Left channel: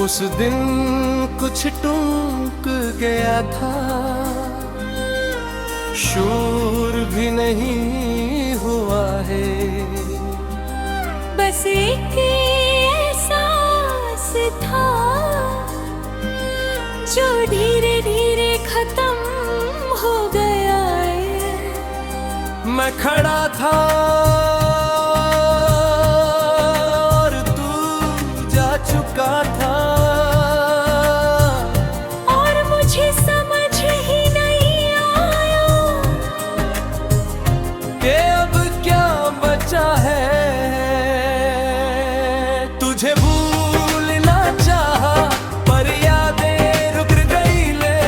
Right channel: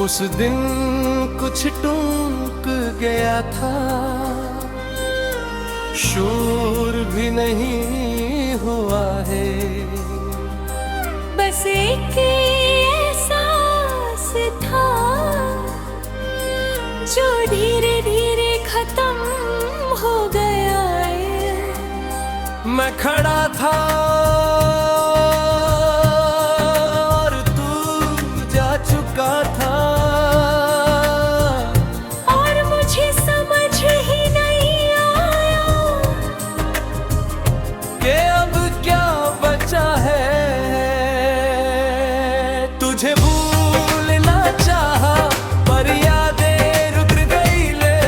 उस दिन कुछ टूक गया था, शूर भी नहीं हुआ है। बस एक एहसास था जो धीरे धीरे खत्म हो गया है। मैं खड़ा था और तू जा चुका था, और मुझे समझ ही नहीं आया कि अब क्या बचा है। तुझे भूलना चाहा पर यादें रुक गई ले,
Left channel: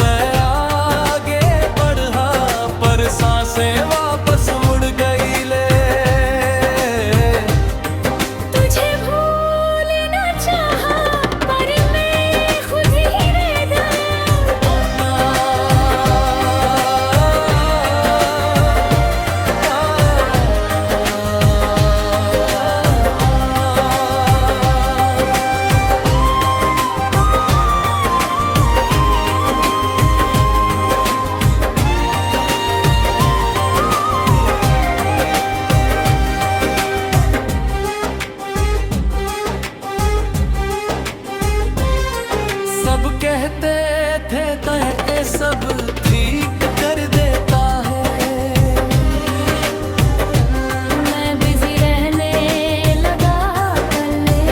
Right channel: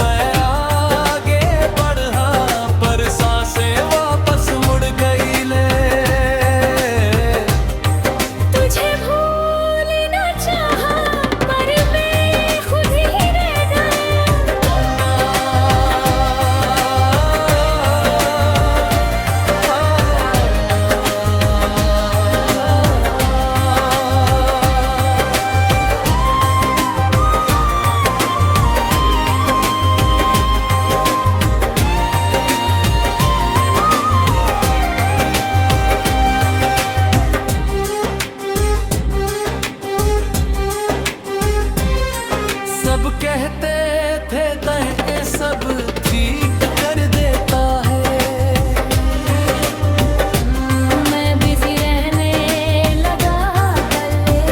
मैं आगे बढ़ा पर सांसें वापस मुड़ गई ले। तुझे भूलना चाहा पर मैं खुद ही रह सब कहते थे तह सब ठीक कर देता है, मैं बिजी रहने लगा कल्ले।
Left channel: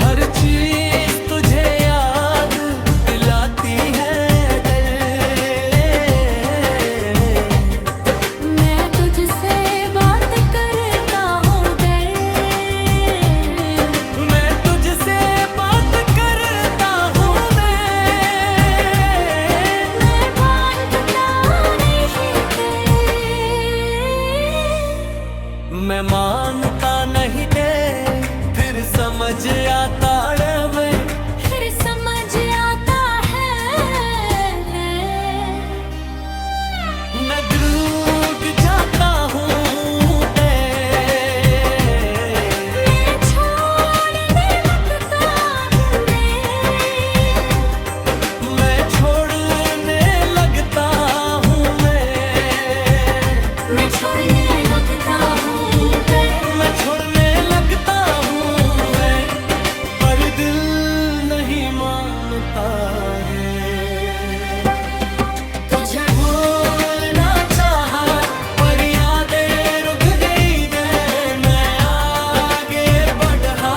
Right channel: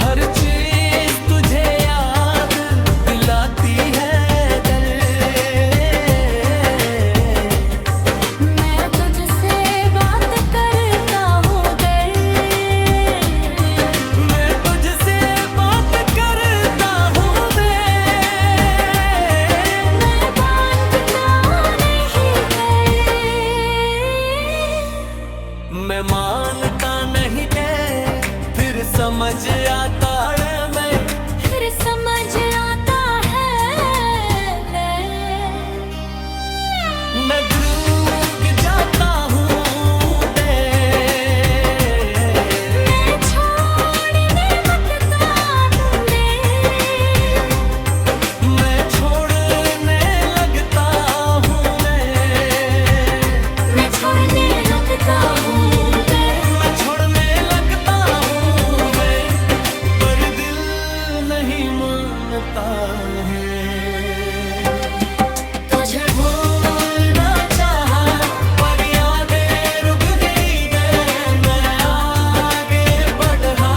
हर चीज तुझे याद दिलाती है कल। मैं तुझसे बात करता हूँ कल, मैं तुझसे बात करता हूँ मैं मानता नहीं थे। मैं मानता नहीं है, फिर समझ आता है मैं, फिर समझ आता है मैं डूब जाता हूँ मैं छोड़ने लगता हूँ मैं छोड़ने लगता हूँ मैं छोड़ने लगता हूँ मैं छोड़ने लगता हूँ मैं, पर दिल नहीं मानता है। तुझे भूलना चाहा पर यादें रुक गई है, मैं आगे बढ़ा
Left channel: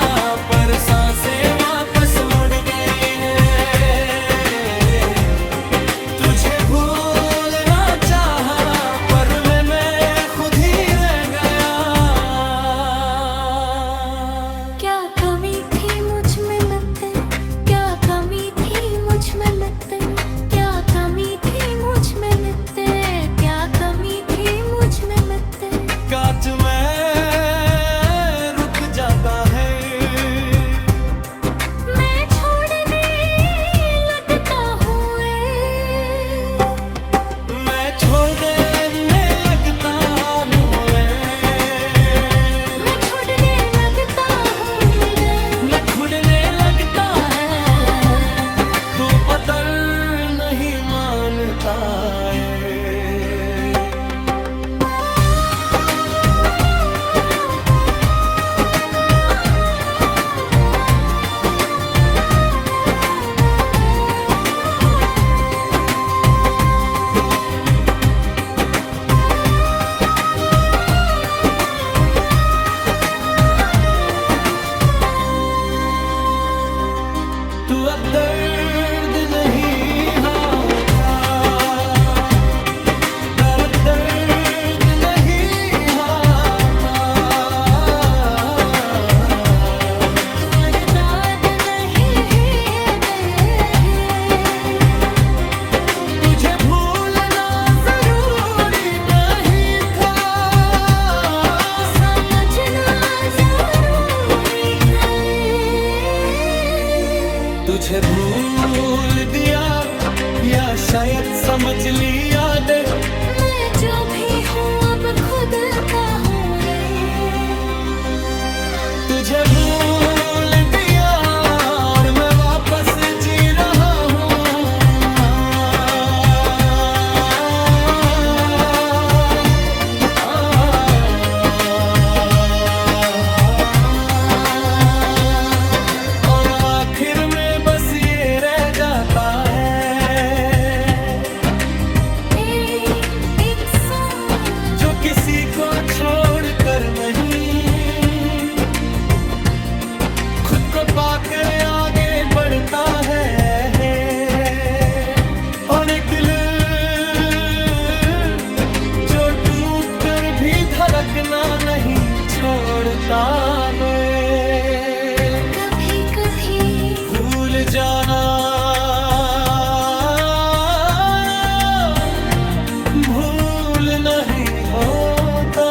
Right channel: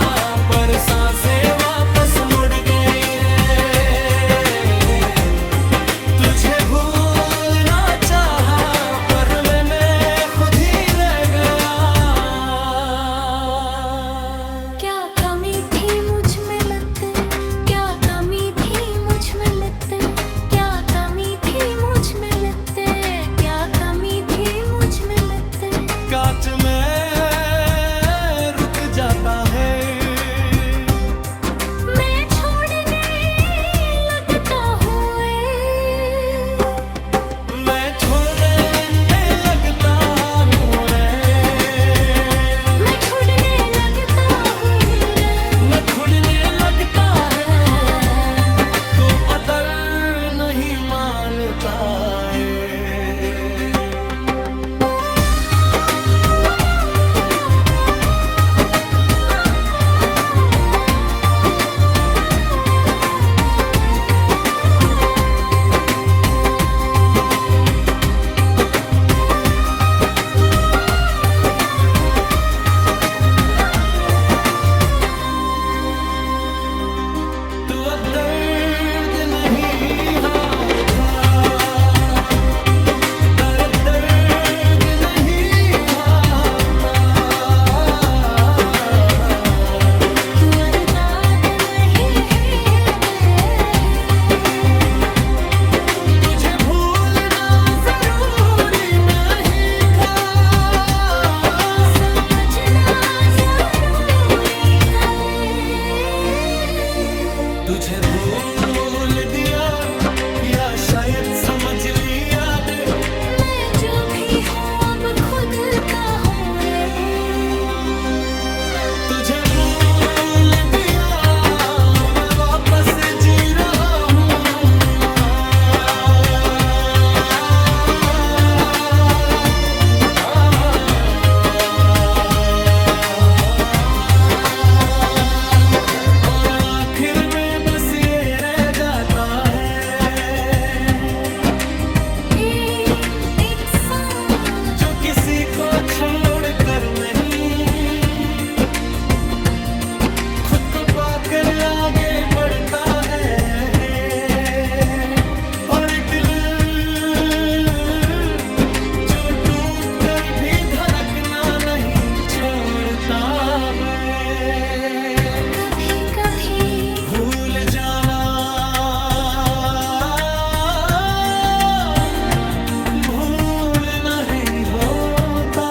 पर सांसें वापस मुड़ गई है। तुझे भूलना चाहा पर मैं खुद ही रह गया। क्या कमी थी मुझ में लगते, क्या कमी थी मुझ में लगते, क्या कमी थी मुझ में लगते, क्या कमी थी मुझ में लगते। कांच में रुक जाता है, मैं छोड़ने लगता हूँ मैं छोड़ने लगता हूँ मैं छोड़ने लगता हूँ मैं खुड़ने लगता है, तो अदर नहीं मानता है। तू अब दर्द नहीं होता, दर्द नहीं होता। तू अरदाद नहीं है, तुझे भूलना जरूरी नहीं था, समझना जरूरी था। तुझे भूल दिया या शायद समझ लिया दे। मैं जो भी हूँ अब खुद का हूँ रे। तुझे भूल होता है और एक दिल जो टूट कर भी धड़कना नहीं छोड़ता वे। कभी कभी भूल जाना भूल नहीं होता,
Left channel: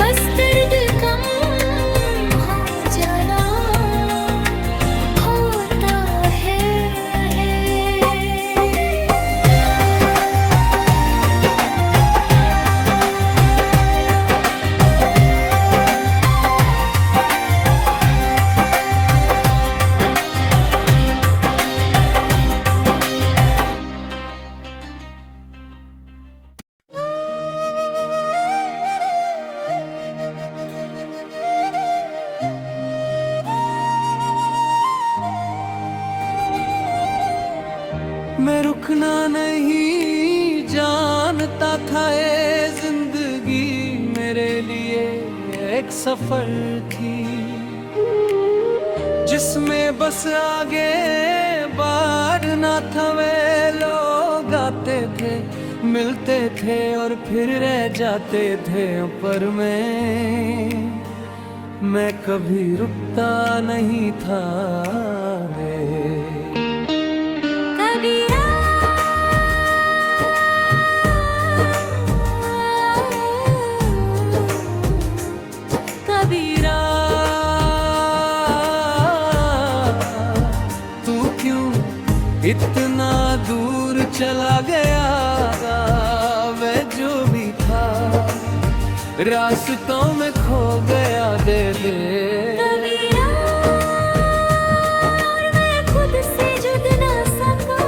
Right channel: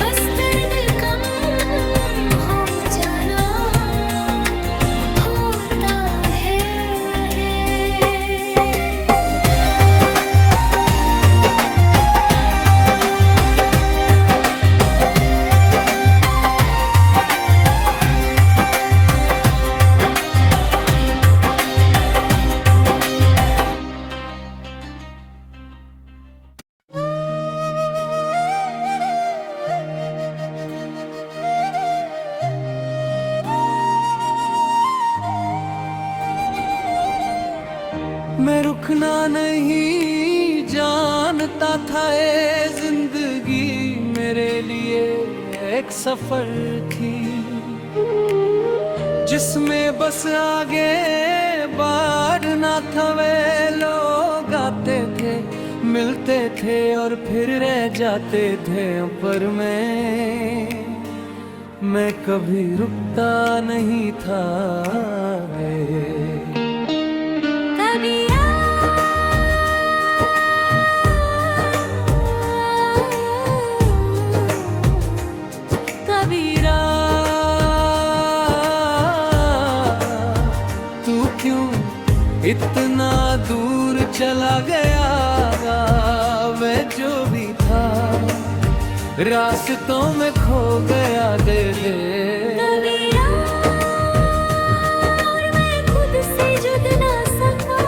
बस दर्द कम हो जाना होता है। मैं रुकना नहीं जानता था, ये जिंदगी मेरे लिए एक सफर थी जिसमें बस आगे बढ़ना था। वे लोग आते थे मिलते थे और फिर रह जाते थे, पर मैं कभी रुकता नहीं था रे। कबीरा तू क्यों इतना दूर चला गया, मैं जो भी था रास्तों में खो गया। दे दे कबीरा, और मैं खुद से जुद ना सका।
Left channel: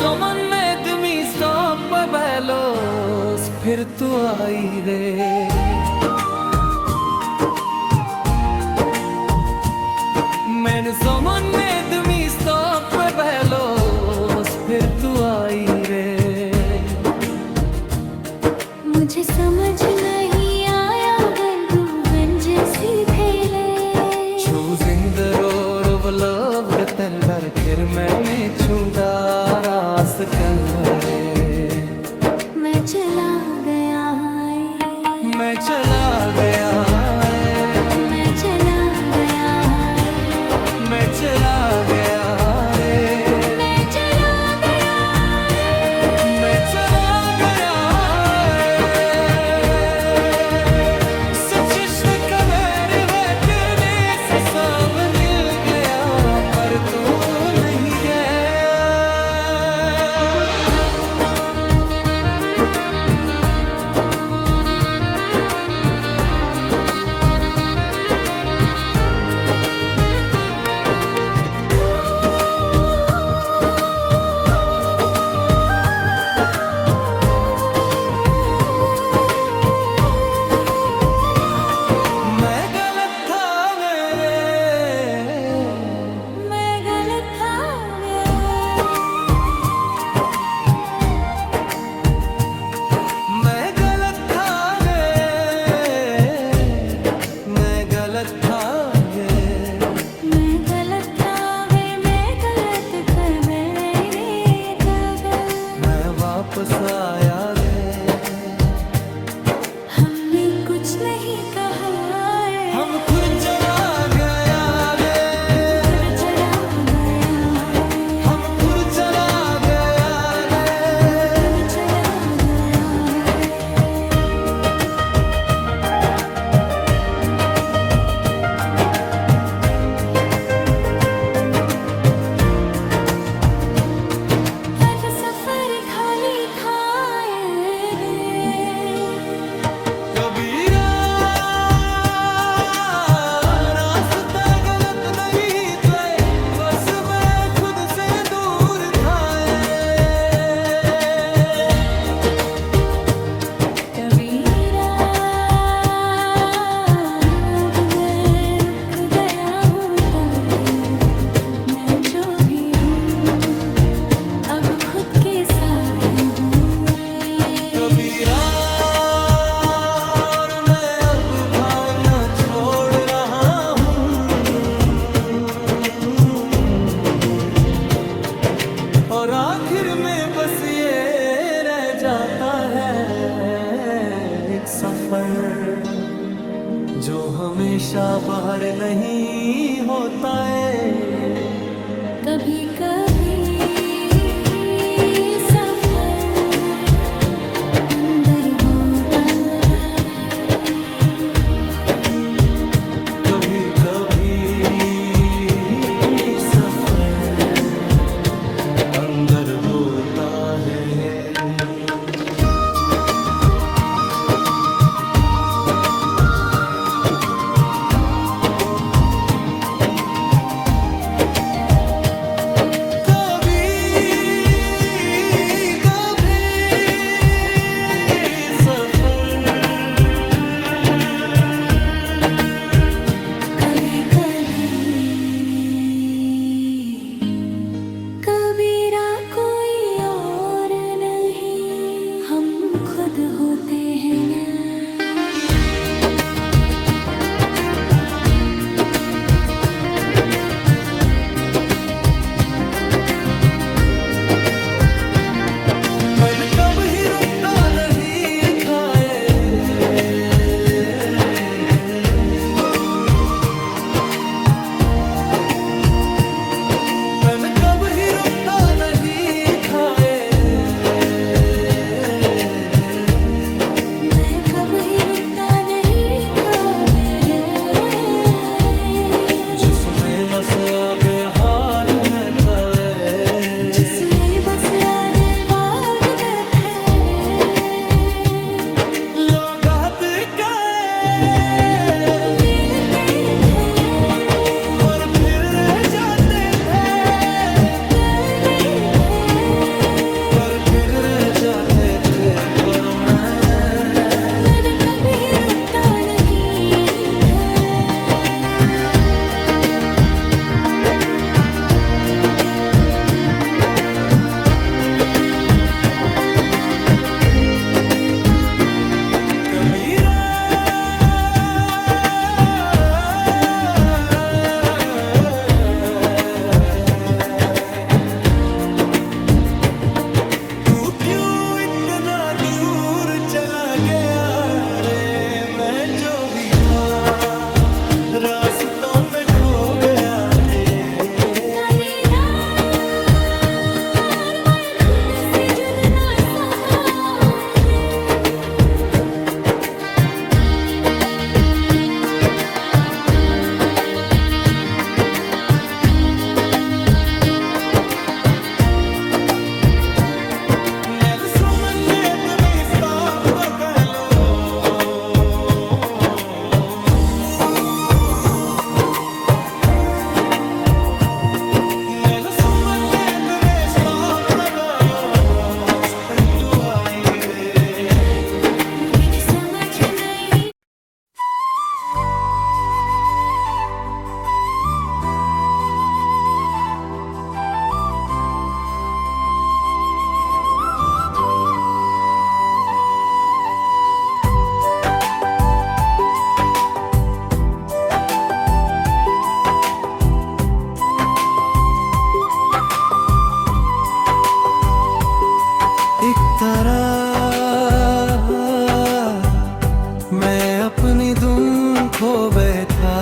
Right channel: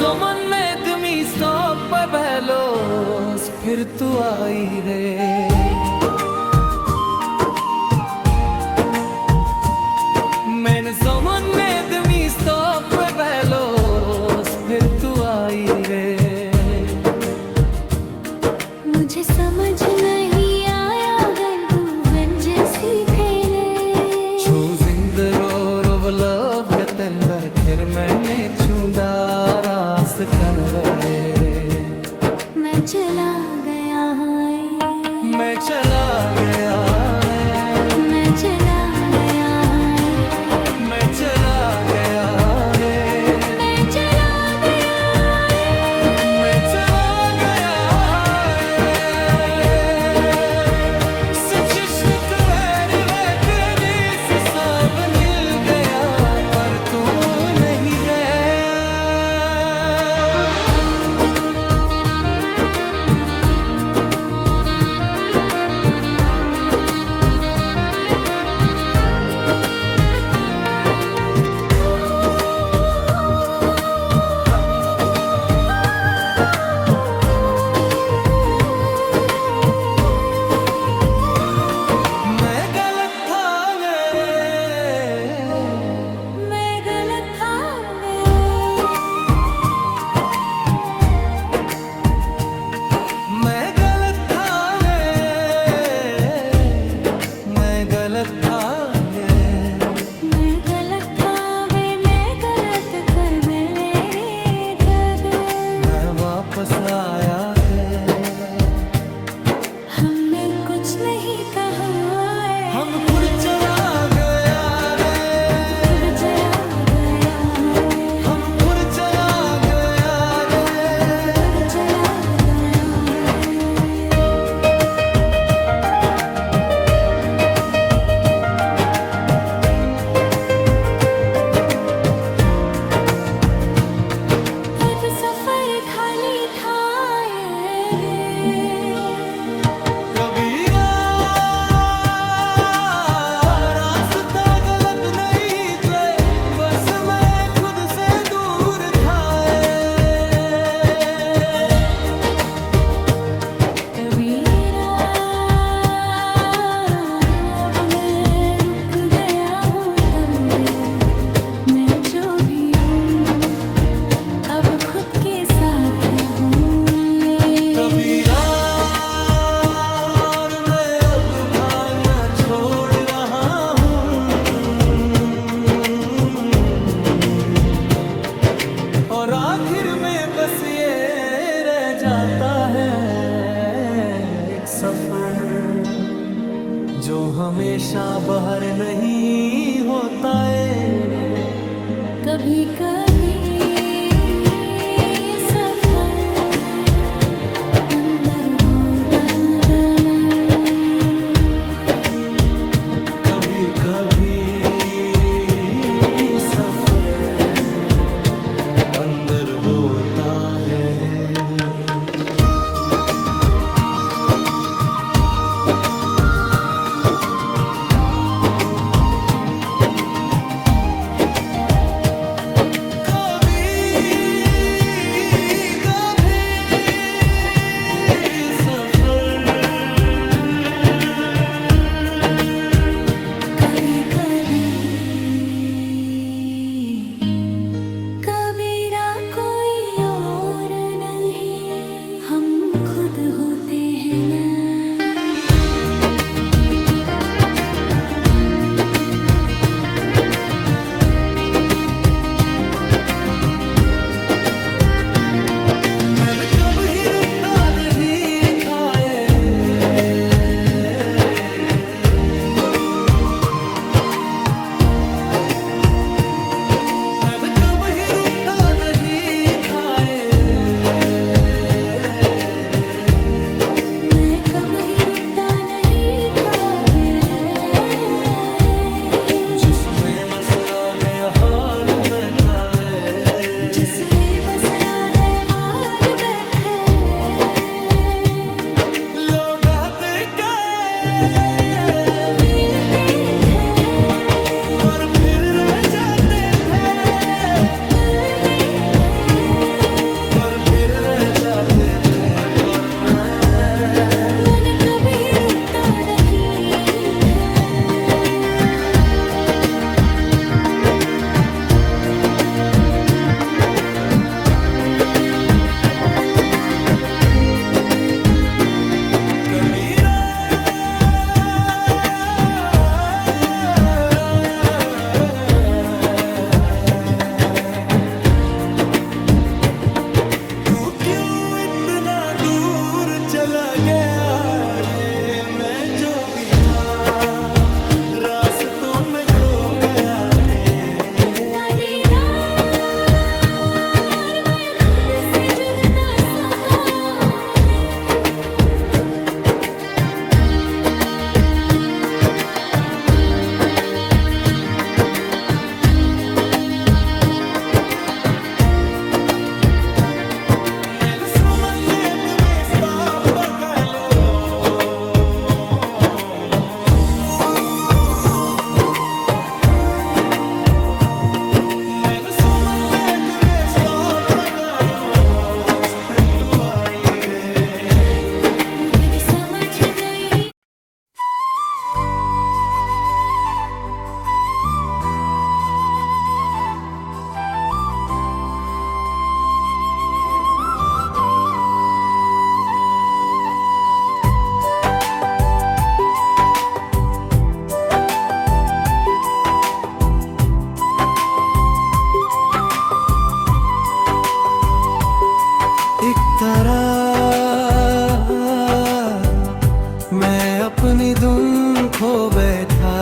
Someone made me stop by bellows, फिर तू आई रे। मैंने someone made me stop by bellows, फिर तू आई रे। मुझे समझ नहीं आया गर्दूगन जैसी फैले। Choosing the road of love गतनभर फिर मैंने चुना रास कलवरे। मैं चला गया है, मैं चला गया है, मैं चला गया है, मैं चला गया रे। मैं चला गया है, मैं चला गया सचिश्व कवर वैतनी से सब मिल गया, पर तू नहीं गया। मैं गलत था मैं गलत था मैं गलत था मैं गलत था मैं गलत था मैं गलत कर मेरे तक। मैं वापस आया थे, हमने कुछ नहीं कहा है, हम खुद चला गया रे। खुद चला गया है, हम खुद चला गया रे। खुद चला गया है। तब सफर खाली था रे। कबीरा रास्ते आपके साथ हूँ। कबीरा और मैं अब भागना छोड़ रहा हूँ, और आखिर में बस ये रह जाता है एक सफर जो हमेशा बाहर नहीं होता है। कभी कभी सफर अंदर होता है, कभी कभी सफर अंदर होता है। कभी कभी कबीरा कोई और नहीं, हम खुद होते हैं ना। मैंने कभी रुकता नहीं खाए, मैंने कभी रुकता नहीं खाए, मैं कभी रुकता नहीं खाबे है, जिसमें नस आ गए हार में काले, जिसमें बस आगे बाग बैठे लोग आते मिलते थे, और फिर रह जाते थे, लड़ते थे, पर फिर रह जाते थे, पर मैंने कभी रुकता नहीं था। कबीरा तू क्यों इतना दूर चला गया रे, मैं जो भी था रास्तों में खो गया तेरे। कबीरा मैं खुद से जुद ना सका, Nello manetto mi sta pagalo, nello manetto mi sta pagalo, se tu hai re. मुझे समझ नहीं। एक तरह मैं अपनी धुन खो बैठा,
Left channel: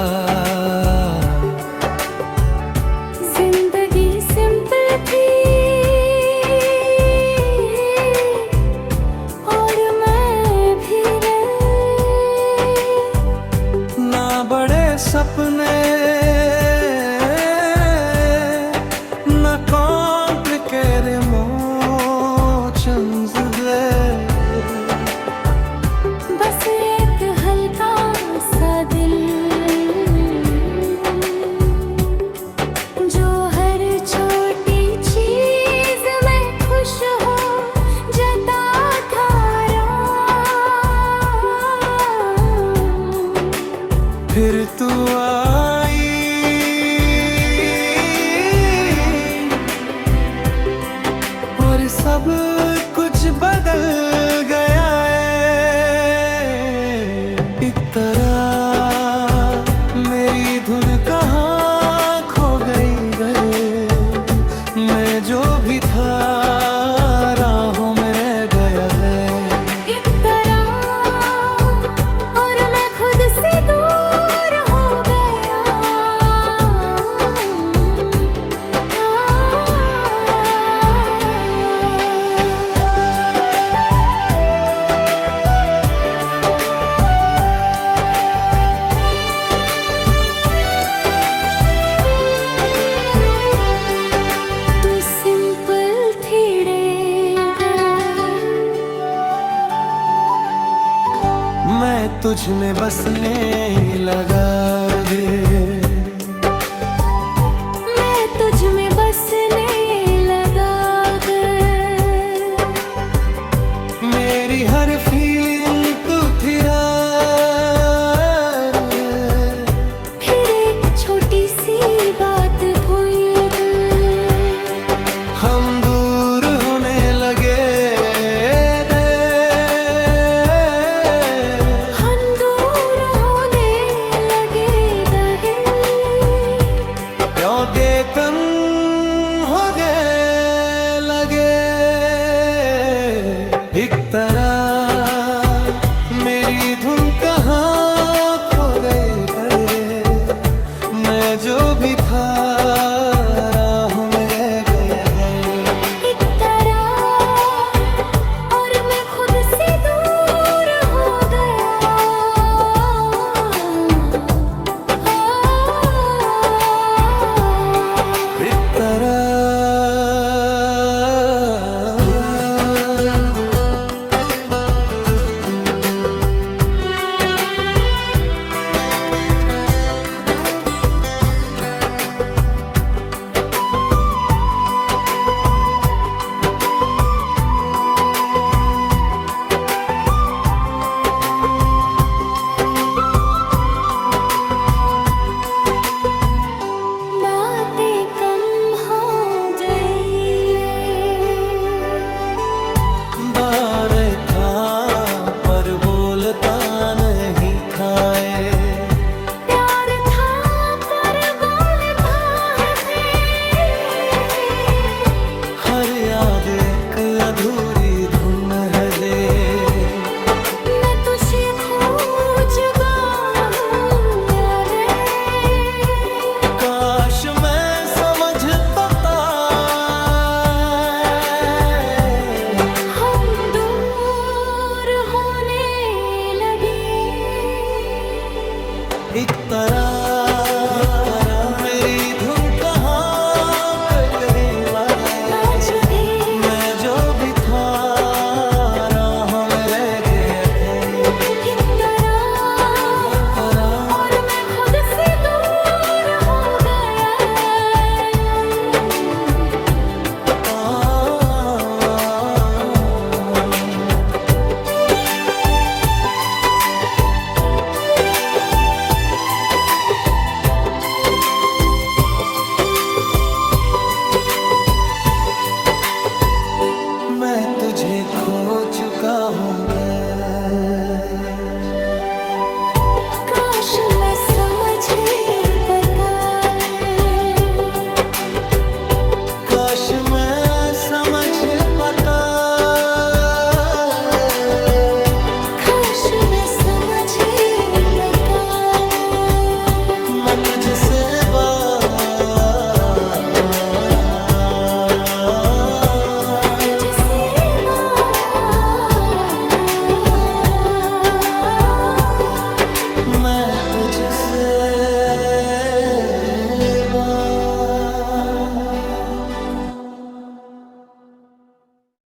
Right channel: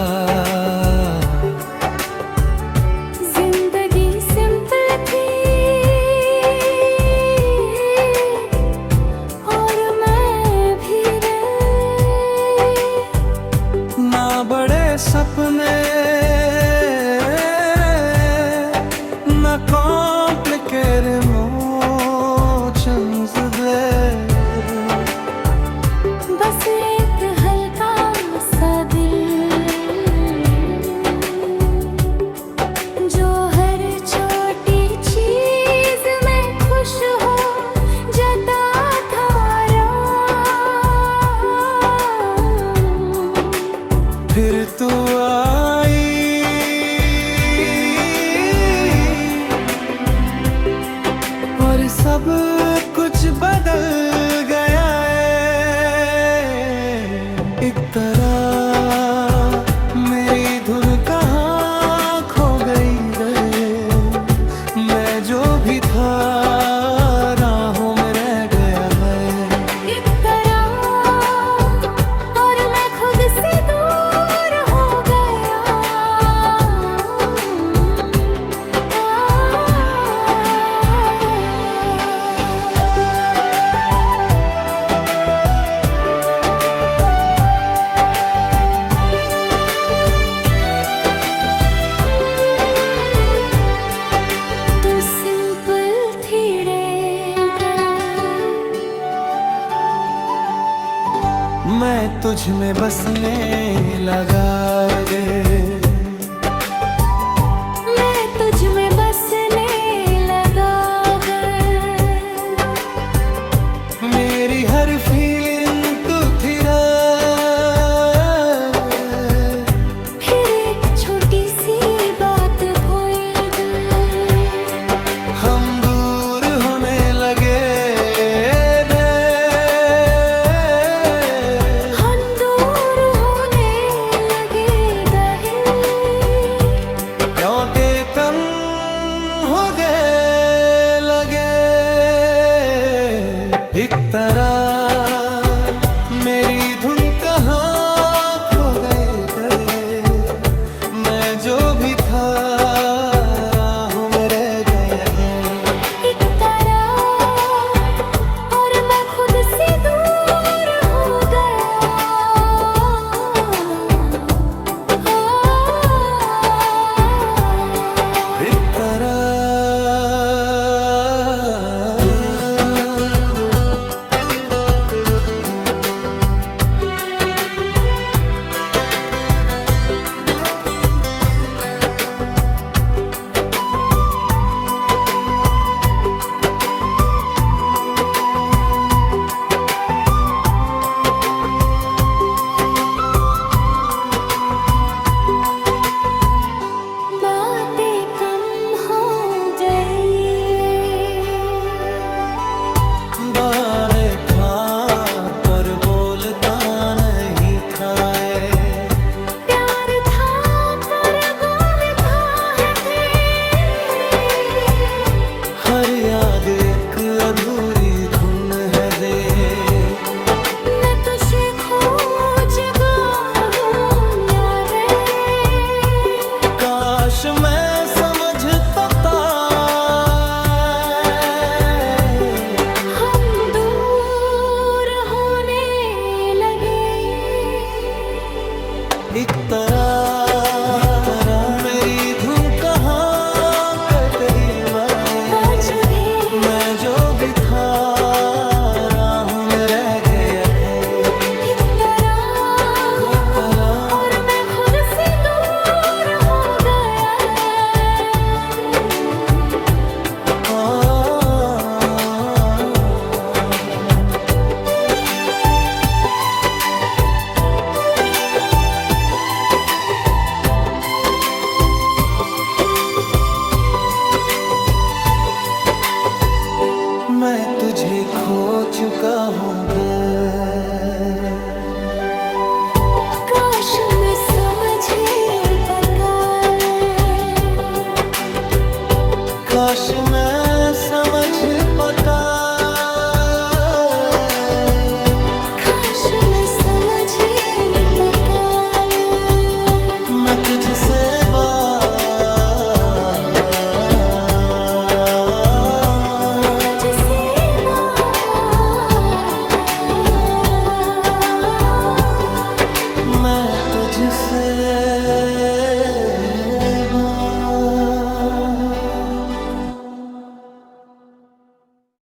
जिंदगी सिंपल थी और मैं भी ना बड़े सपने ना कॉम्प्लिकेटेड इमोशंस दे, बस एक हल्का सा दिल जो हर छोटी चीज में खुश हो जता था फिर तू आई और सब कुछ बदल गया है। एक तरह मेरी धुन कहाँ खो गई गए, मैं जो भी था राहों में रह गया है। एक तरह और मैं खुद से दूर हो गया। तू सिंपल थी मैं तुझ में बसने लगा रे, मैं तुझ में बसने लगा गए। मेरी हर फीलिंग तू थी रे। फिर एक छोटी सी बात भूल गए, हम दूर होने लगे थे। हम दूर होने लगे दहे। प्यों के तन हो गए लगे। एक तरह मेरी धुन कहाँ खो गई गए, मैं जो भी था राहों में रह गया है। एक तरह और मैं खुद से दूर हो गया। एक तरह बातें कम हो गई। बारे था पर बोलता नहीं खाए। प्यार था पर बोलता है हर याद एक अधूरी धुन है दे। मैं तुझे खोज गाऊंगा रे। काश मैं समझ पाता, हम दूर होने लगे। एक तरह मेरी धुन कहाँ करीब आए। आज भी मैं जो भी था राहों में रह गया है। एक तरह और मैं खुद से दूर हो गया। मैं तुझे खो चुका हूँ काश मैं समझ पाता। काश मैं समझ पाता। काश मैं समझ पाता। मैं तुझसे तुझसे मैं तुझसे